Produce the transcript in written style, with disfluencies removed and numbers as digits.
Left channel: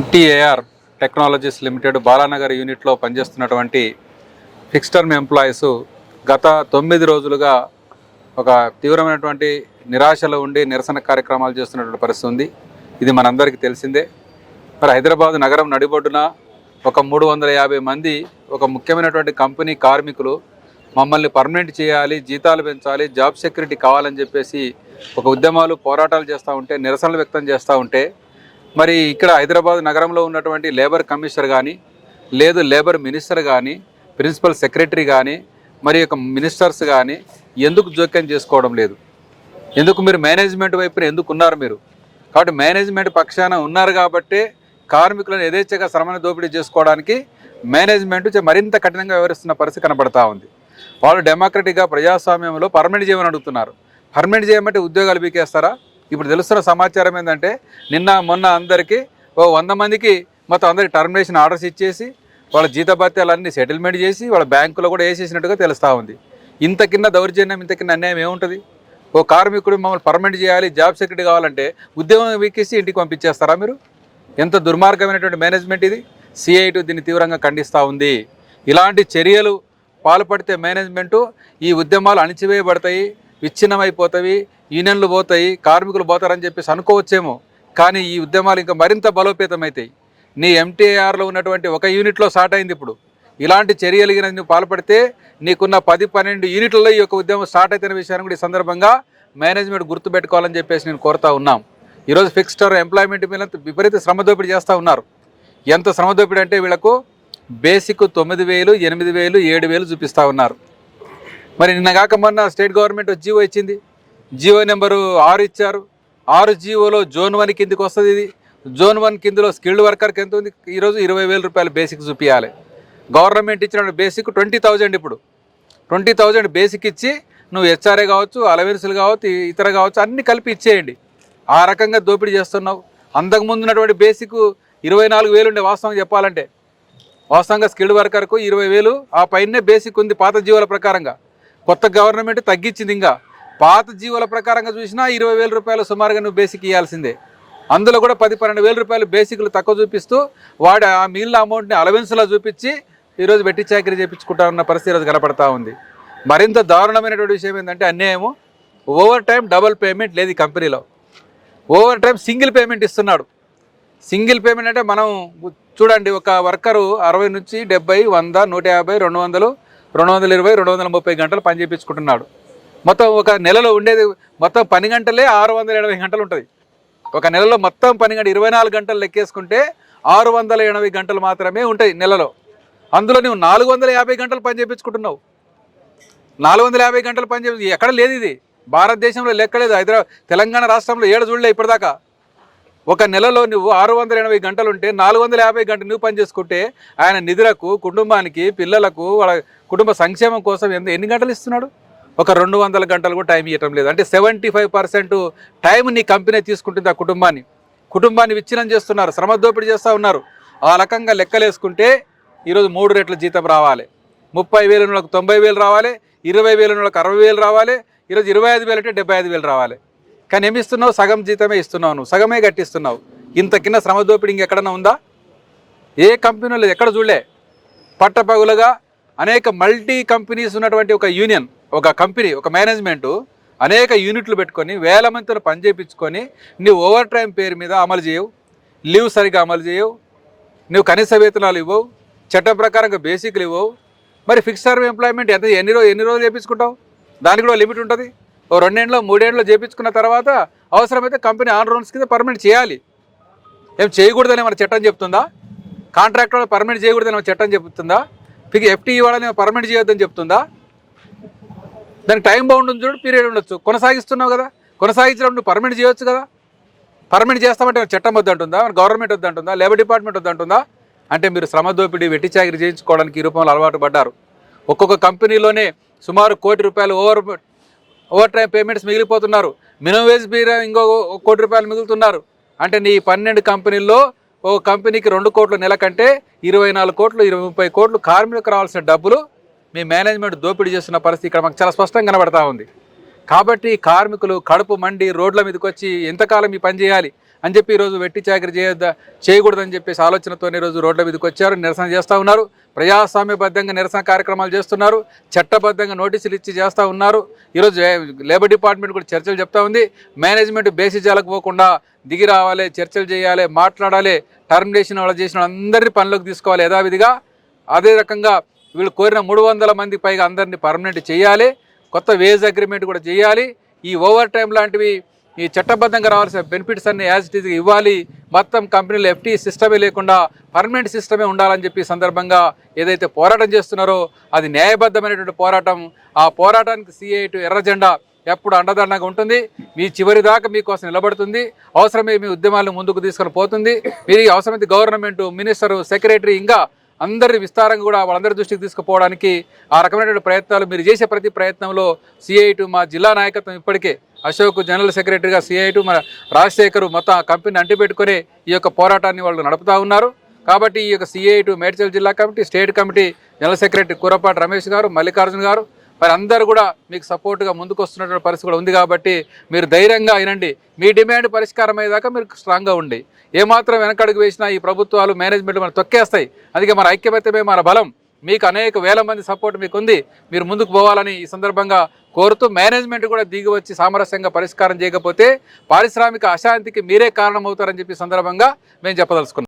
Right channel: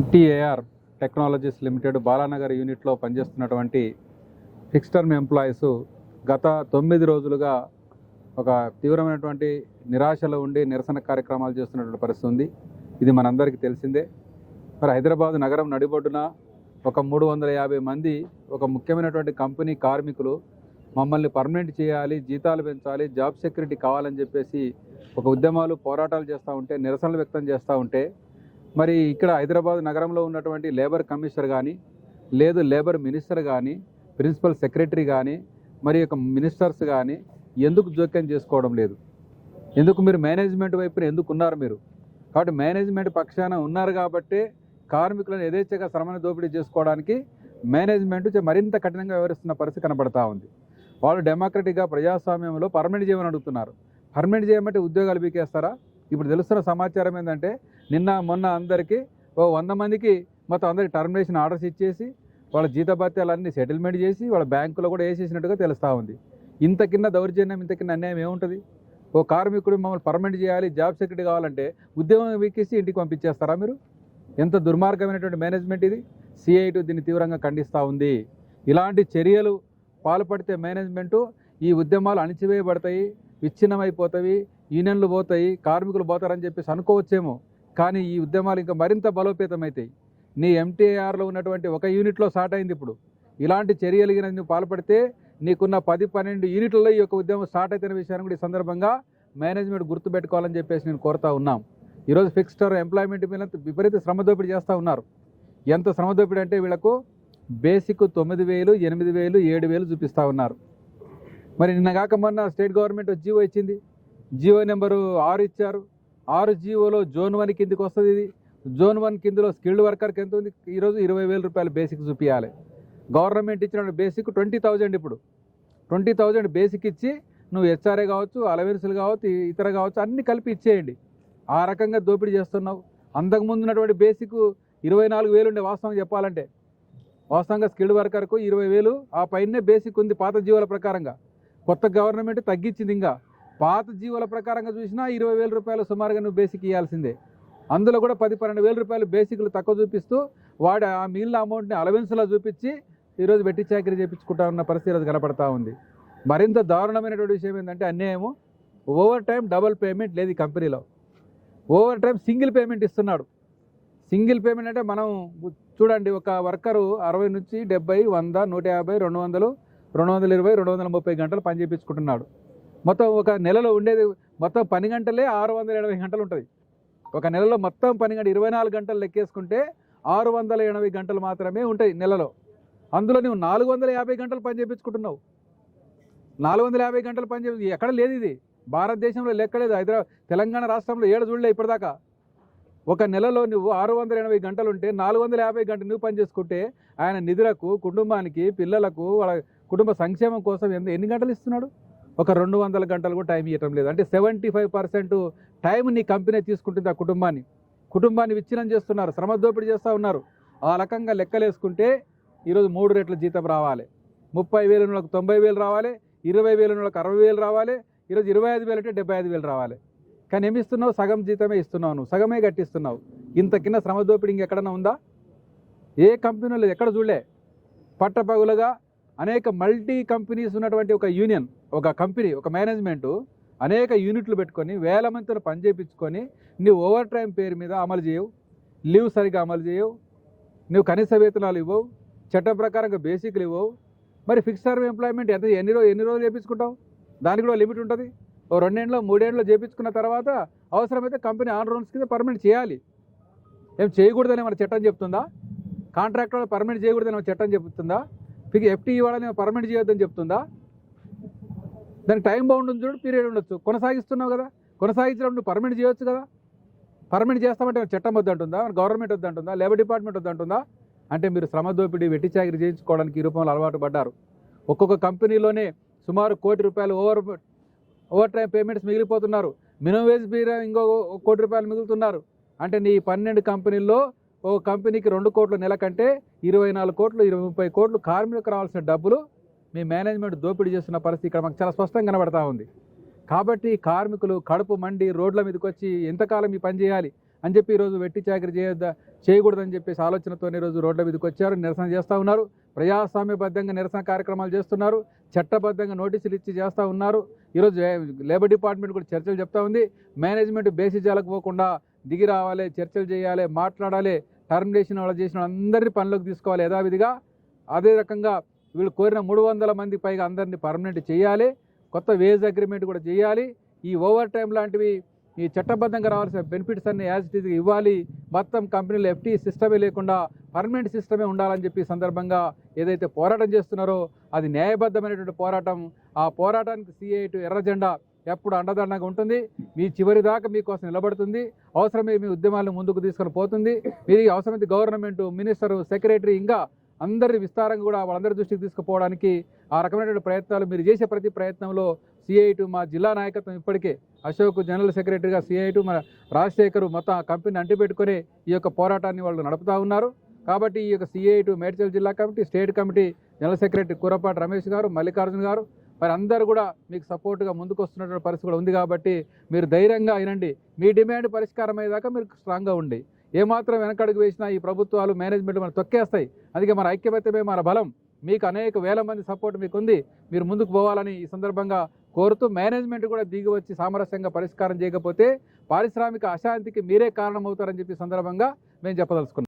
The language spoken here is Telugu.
ఎన్టీఏఆర్ టెక్నాలజీస్ లిమిటెడ్ బాలానగర్ యూనిట్లో పనిచేస్తున్నటువంటి ఫిక్స్ టర్మ్ ఎంప్లాయీస్ గత 9 రోజులుగా ఒక తీవ్రమైనటువంటి నిరాశలో ఉండి నిరసన కార్యక్రమాలు చేస్తున్నటువంటి పరిస్థితి ఉంది. ఇది మనందరికీ తెలిసిందే. మరి హైదరాబాద్ నగరం నడిబొడ్డున ఒక 350 మంది ఒక ముఖ్యమైనటువంటి కంపెనీ కార్మికులు మమ్మల్ని పర్మనెంట్ చేయాలి, జీతాలు పెంచాలి, జాబ్ సెక్యూరిటీ కావాలని చెప్పేసి ఒక ఉద్యమాలు పోరాటాలు చేస్తూ ఉంటే, నిరసనలు వ్యక్తం చేస్తూ ఉంటే, మరి ఇక్కడ హైదరాబాద్ నగరంలో ఉన్నటువంటి లేబర్ కమిషనర్ కానీ, లేదు లేబర్ మినిస్టర్ కానీ, ప్రిన్సిపల్ సెక్రటరీ కానీ, మరి యొక్క మినిస్టర్స్ కానీ ఎందుకు జోక్యం చేసుకోవడం లేదు? ఎందుకు మీరు మేనేజ్మెంట్ వైపున ఎందుకు ఉన్నారు మీరు? కాబట్టి మేనేజ్మెంట్ పక్షాన ఉన్నారు కాబట్టే కార్మికులను యథేచ్ఛగా శ్రమను దోపిడీ చేసుకోవడానికి మేనేజ్మెంట్ మరింత కఠినంగా వ్యవహరిస్తున్న పరిస్థితి కనబడతా ఉంది. వాళ్ళు డెమోక్రటిక్గా ప్రజాస్వామ్యంలో పర్మనెంట్ చేయమని అడుగుతున్నారు. పర్మనెంట్ చేయమంటే ఉద్యోగాలు బీకేస్తారా? ఇప్పుడు తెలుస్తున్న సమాచారం ఏంటంటే నిన్న మొన్న అందరికీ 100 మందికి మొత్తం అందరికి టర్మినేషన్ ఆర్డర్స్ ఇచ్చేసి వాళ్ళ జీతభత్యాలన్నీ సెటిల్మెంట్ చేసి వాళ్ళ బ్యాంకులో కూడా వేసేసినట్టుగా తెలుస్తూ ఉంది. ఇంతకిన్న దౌర్జన్యం, ఇంతకిన్న అన్యాయం ఏముంటుంది? ఓ కార్మికుడు మమ్మల్ని పర్మనెంట్ చేయాలి, జాబ్ సెక్యూరిటీ కావాలంటే ఉద్యోగం వీకేసి ఇంటికి పంపించేస్తారా మీరు? ఎంత దుర్మార్గమైనటువంటి మేనేజ్మెంట్ ఇది. సిఐటి దీన్ని తీవ్రంగా ఖండిస్తూ ఉంది. ఇలాంటి చర్యలు పాల్పడితే మేనేజ్మెంటు ఈ ఉద్యమాలు అణిచివేయబడతాయి, విచ్ఛిన్నమైపోతాయి, యూనియన్లు పోతాయి, కార్మికులు పోతారని చెప్పేసి అనుకోవచ్చేమో. కానీ ఈ ఉద్యమాలు ఇంకా మరింత బలోపేతమవుతాయి. నీ ఎంటీఆర్లో ఉన్నటువంటి ఒక యూనిట్లో స్టార్ట్ అయింది. ఇప్పుడు ఇలాంటి చర్యలు నువ్వు పాల్పడితే నీకున్న 10-12 యూనిట్లలో ఈ యొక్క ఉద్యమం స్టార్ట్ అవుతున్న విషయాన్ని కూడా ఈ సందర్భంగా మేనేజ్మెంట్ గుర్తుపెట్టుకోవాలని చెప్పేసి నేను కోరుతా ఉన్నాం. ఈరోజు ఫిక్స్డ్ టర్మ్ ఎంప్లాయ్మెంట్ మీద విపరీత శ్రమ దోపిడీ చేస్తూ ఉన్నారు. ఎంత శ్రమ దోపిడీ అంటే వీళ్ళకు బేసిక్ 9,000, 8,000, 7,000 చూపిస్తూ ఉన్నారు. మరి నిన్న కాక మొన్న స్టేట్ గవర్నమెంట్ జీవో ఇచ్చింది. జీవో నెంబరు 6 ఇచ్చారు. 6 జీవోలో జోన్ 1 కిందికి వస్తుంది. ఇది జోన్ 1 కిందలో స్కిల్డ్ వర్కర్కి ఎంత ఉంది? ఈరోజు 20,000 రూపాయలు బేసిక్ చూపించాలి. గవర్నమెంట్ ఇచ్చిన బేసిక్ 20,000. ఇప్పుడు 20,000 బేసిక్ ఇచ్చి నువ్వు హెచ్ఆర్ఏ కావచ్చు, అలవెన్సులు కావచ్చు, ఇతర కావచ్చు, అన్నీ కలిపి ఇచ్చేయండి. ఆ రకంగా దోపిడీ చేస్తున్నావు. అంతకుముందు ఉన్నటువంటి బేసిక్ 24,000 ఉండే. వాస్తవం చెప్పాలంటే వాస్తవంగా స్కిల్డ్ వర్కర్కు 20,000 ఆ పైనే బేసిక్ ఉంది పాత జీవోల ప్రకారంగా. కొత్త గవర్నమెంట్ తగ్గించింది. ఇంకా పాత జీవోల ప్రకారంగా చూసినా 20,000 రూపాయలు సుమారుగా నువ్వు బేసిక్ ఇవ్వాల్సిందే. అందులో కూడా 10-12,000 రూపాయలు బేసిక్లు తక్కువ చూపిస్తూ వాడు ఆ మిగిలిన అమౌంట్ని అలవెన్స్లో చూపించి ఈరోజు వెట్టి చాకరీ చేయించుకుంటా ఉన్న పరిస్థితి ఈరోజు కనపడతా ఉంది. మరింత దారుణమైనటువంటి విషయం ఏంటంటే అన్యాయము, ఓవర్ టైం డబుల్ పేమెంట్ లేదు ఈ కంపెనీలో. ఓవర్ టైం సింగిల్ పేమెంట్ ఇస్తున్నాడు. సింగిల్ పేమెంట్ అంటే మనం చూడండి, ఒక వర్కరు 60 నుంచి 70, 100, 150, 200, 220, 230 గంటలు పని చేయించుకుంటున్నాడు. మొత్తం ఒక నెలలో ఉండేది మొత్తం పని గంటలే 680 గంటలు ఉంటుంది. ఒక నెలలో మొత్తం పని గంట 24 గంటలు లెక్కేసుకుంటే 680 గంటలు మాత్రమే ఉంటాయి నెలలో. అందులో నువ్వు 450 గంటలు పని చేయించుకుంటున్నావు. 450 గంటలు పని చేసి ఎక్కడ లేదు. ఇది భారతదేశంలో లెక్కలేదు. తెలంగాణ రాష్ట్రంలో 7 చూడలే ఇప్పటిదాకా. ఒక నెలలో నువ్వు 680 గంటలు ఉంటే 450 గంటలు నువ్వు పని చేసుకుంటే ఆయన నిధులకు, కుటుంబానికి, పిల్లలకు, వాళ్ళ కుటుంబ సంక్షేమం కోసం ఎన్ని గంటలు ఇస్తున్నాడు? ఒక 200 గంటలు కూడా టైం ఇవ్వటం లేదు. అంటే 75% టైం నీ కంపెనీ తీసుకుంటుంది. ఆ కుటుంబాన్ని విచ్ఛిన్నం చేస్తున్నారు, శ్రమ దోపిడీ చేస్తూ ఉన్నారు. ఆ రకంగా లెక్కలేసుకుంటే ఈరోజు 3 రెట్ల జీతం రావాలి. 30,000 వాళ్ళకి 90,000 రావాలి, 20,000 వాళ్ళకి 60,000 రావాలి, ఈరోజు 25,000 అంటే 75,000 రావాలి. కానీ ఏమి ఇస్తున్నావు? సగం జీతమే ఇస్తున్నావు, నువ్వు సగమే కట్టిస్తున్నావు. ఇంత కింద శ్రమ దోపిడీ ఇంకెక్కడన్నా ఉందా? ఏ కంపెనీలో ఎక్కడ చూడలే. పట్టపగులుగా అనేక మల్టీ కంపెనీస్ ఉన్నటువంటి ఒక యూనియన్, ఒక కంపెనీ, ఒక మేనేజ్మెంటు అనేక యూనిట్లు పెట్టుకొని వేల మందితో పని చేయించుకొని నువ్వు ఓవర్ టైం పేరు మీద అమలు చేయవు, లీవ్ సరిగా అమలు చేయవు, నువ్వు కనీస వేతనాలు ఇవ్వవు, చట్టం ప్రకారంగా బేసిక్లు ఇవ్వవు. మరి ఫిక్స్డ్ టర్మ్ ఎంప్లాయ్మెంట్ ఎన్ని రోజులు చేయించుకుంటావు? దానికి కూడా లిమిట్ ఉంటుంది. ఓ 2 ఏళ్ళు 3 ఏళ్ళు చేయించుకున్న తర్వాత అవసరమైతే కంపెనీ ఆన్ రౌండ్స్ కింద పర్మనెంట్ చేయాలి. ఏం చేయకూడదని మన చట్టం చెప్తుందా? కాంట్రాక్ట్ వాళ్ళు పర్మనెంట్ చేయకూడదని మన చట్టం చెప్తుందా? FTE వాళ్ళని పర్మనెంట్ చేయొద్దని చెప్తుందా? దానికి టైం బౌండ్ ఉంది చూడు, పీరియడ్ ఉండొచ్చు. కొనసాగిస్తున్నావు కదా, కొనసాగించినప్పుడు నువ్వు పర్మనెంట్ చేయొచ్చు కదా. పర్మనెంట్ చేస్తామంటే చట్టం వద్దంటుందా? గవర్నమెంట్ వద్దంటుందా? లేబర్ డిపార్ట్మెంట్ వద్దంటుందా? అంటే మీరు శ్రమ దోపిడీ, వెట్టి చాకరీ చేయించుకోవడానికి ఈ రూపంలో అలవాటు పడ్డారు. ఒక్కొక్క కంపెనీలోనే సుమారు ₹1,00,00,000 ఓవర్ టైం పేమెంట్స్ మిగిలిపోతున్నారు. మినిమం వేజ్ మీద ఇంకో ₹1,00,00,000 మిగులుతున్నారు. అంటే నీ 12 కంపెనీల్లో ఓ కంపెనీకి 2 కోట్లు నెల కంటే 24 కోట్లు, 30 కోట్లు కార్మికులకు రావాల్సిన డబ్బులు మీ మేనేజ్మెంట్ దోపిడీ చేస్తున్న పరిస్థితి ఇక్కడ మాకు చాలా స్పష్టంగా కనబడతా ఉంది. కాబట్టి కార్మికులు కడుపు మండి రోడ్ల మీదకి వచ్చి ఎంతకాలం ఈ పని చేయాలి? అని చెప్పి ఈరోజు వెట్టి చాకరీ చేయకూడదని చెప్పేసి ఆలోచనతోనే ఈరోజు రోడ్ల మీదకి వచ్చారు, నిరసన చేస్తూ ఉన్నారు. ప్రజాస్వామ్యబద్ధంగా నిరసన కార్యక్రమాలు చేస్తున్నారు, చట్టబద్ధంగా నోటీసులు ఇచ్చి చేస్తూ ఉన్నారు. ఈరోజు లేబర్ డిపార్ట్మెంట్ కూడా చర్చలు చెప్తా ఉంది. మేనేజ్మెంట్ బేసిజాలకు పోకుండా దిగి రావాలి, చర్చలు చేయాలి, మాట్లాడాలి, టర్మినేషన్ వాళ్ళు చేసిన అందరినీ పనిలోకి తీసుకోవాలి యథావిధిగా. అదే రకంగా వీళ్ళు కోరిన 300 మంది పైగా అందరినీ పర్మనెంట్ చేయాలి, కొత్త వేజ్ అగ్రిమెంట్ కూడా చేయాలి. ఈ ఓవర్ టైం లాంటివి ఈ చట్టబద్ధంగా రావాల్సిన బెనిఫిట్స్ అన్ని యాజ్ ఇట్ ఈజ్గా ఇవ్వాలి. మొత్తం కంపెనీలో FT సిస్టమే లేకుండా పర్మనెంట్ సిస్టమే ఉండాలని చెప్పి సందర్భంగా ఏదైతే పోరాటం చేస్తున్నారో అది న్యాయబద్ధమైనటువంటి పోరాటం. ఆ పోరాటానికి CII ఎర్ర జెండా ఎప్పుడు అండదండగా ఉంటుంది. మీ చివరి దాకా మీకోసం నిలబడుతుంది. అవసరమే మీ ఉద్యమాలను ముందుకు తీసుకొని పోతుంది. మీరు అవసరమైతే గవర్నమెంట్, మినిస్టర్, సెక్రటరీ ఇంకా అందరి విస్తారంగా కూడా వాళ్ళందరి దృష్టికి తీసుకుపోవడానికి ఆ రకమైనటువంటి ప్రయత్నాలు మీరు చేసే ప్రతి ప్రయత్నంలో CII మా జిల్లా నాయకత్వం ఇప్పటికే అశోక్ జనరల్ సెక్రటరీగా, CII మన రాజశేఖర్ మొత్తం ఆ కంపెనీని అంటిపెట్టుకుని ఈ యొక్క పోరాటాన్ని వాళ్ళు నడుపుతూ ఉన్నారు. కాబట్టి ఈ యొక్క CII మేడ్చల్ జిల్లా committee, state committee general secretary Kurapati Ramesh గారు, మల్లికార్జున గారు మరి అందరూ కూడా మీకు సపోర్ట్గా ముందుకు వస్తున్నటువంటి పరిస్థితి కూడా ఉంది. కాబట్టి మీరు ధైర్యంగా అయినండి. మీ డిమాండ్ పరిష్కారం అయ్యేదాకా మీరు స్ట్రాంగ్గా ఉండి, ఏమాత్రం వెనకడుగు వేసినా ఈ ప్రభుత్వాలు, మేనేజ్మెంట్ మనం తొక్కేస్తాయి. అందుకే మన ఐక్యమత్యమే మన బలం. మీకు అనేక వేల మంది సపోర్ట్ మీకు ఉంది. మీరు ముందుకు పోవాలని ఈ సందర్భంగా కోరుతూ, మేనేజ్మెంట్ కూడా దిగి వచ్చి సామరస్యంగా పరిష్కారం చేయకపోతే పారిశ్రామిక అశాంతికి మీరే కారణమవుతారని చెప్పి సందర్భంగా మేము చెప్పదలుచుకున్నాం.